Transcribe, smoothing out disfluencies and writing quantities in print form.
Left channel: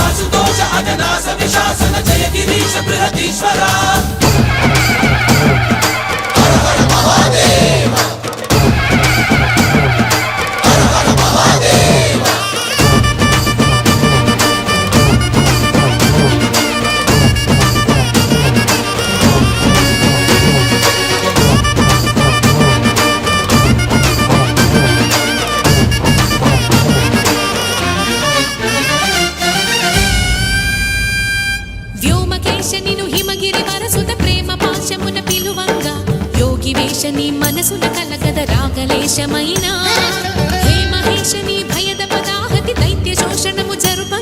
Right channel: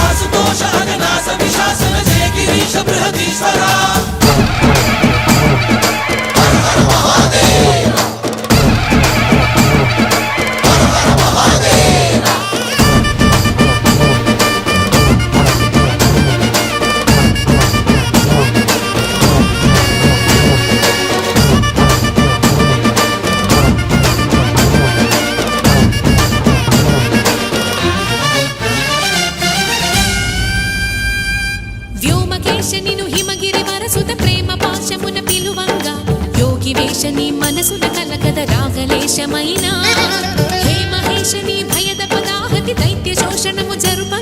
आशुतोष अननास विशासन जय गिरीश बृहदीश्वर हर हर महादेव हर हर महादेव వ్యోమకేశ నిను హిమగిరి వరసుత ప్రేమ పాశమున పిలువంగా యోగి వేషని మనసున కలకద రాగలేశమైనా హే మహేశని భయద పదాహతి దైత్య శోషణము జరుప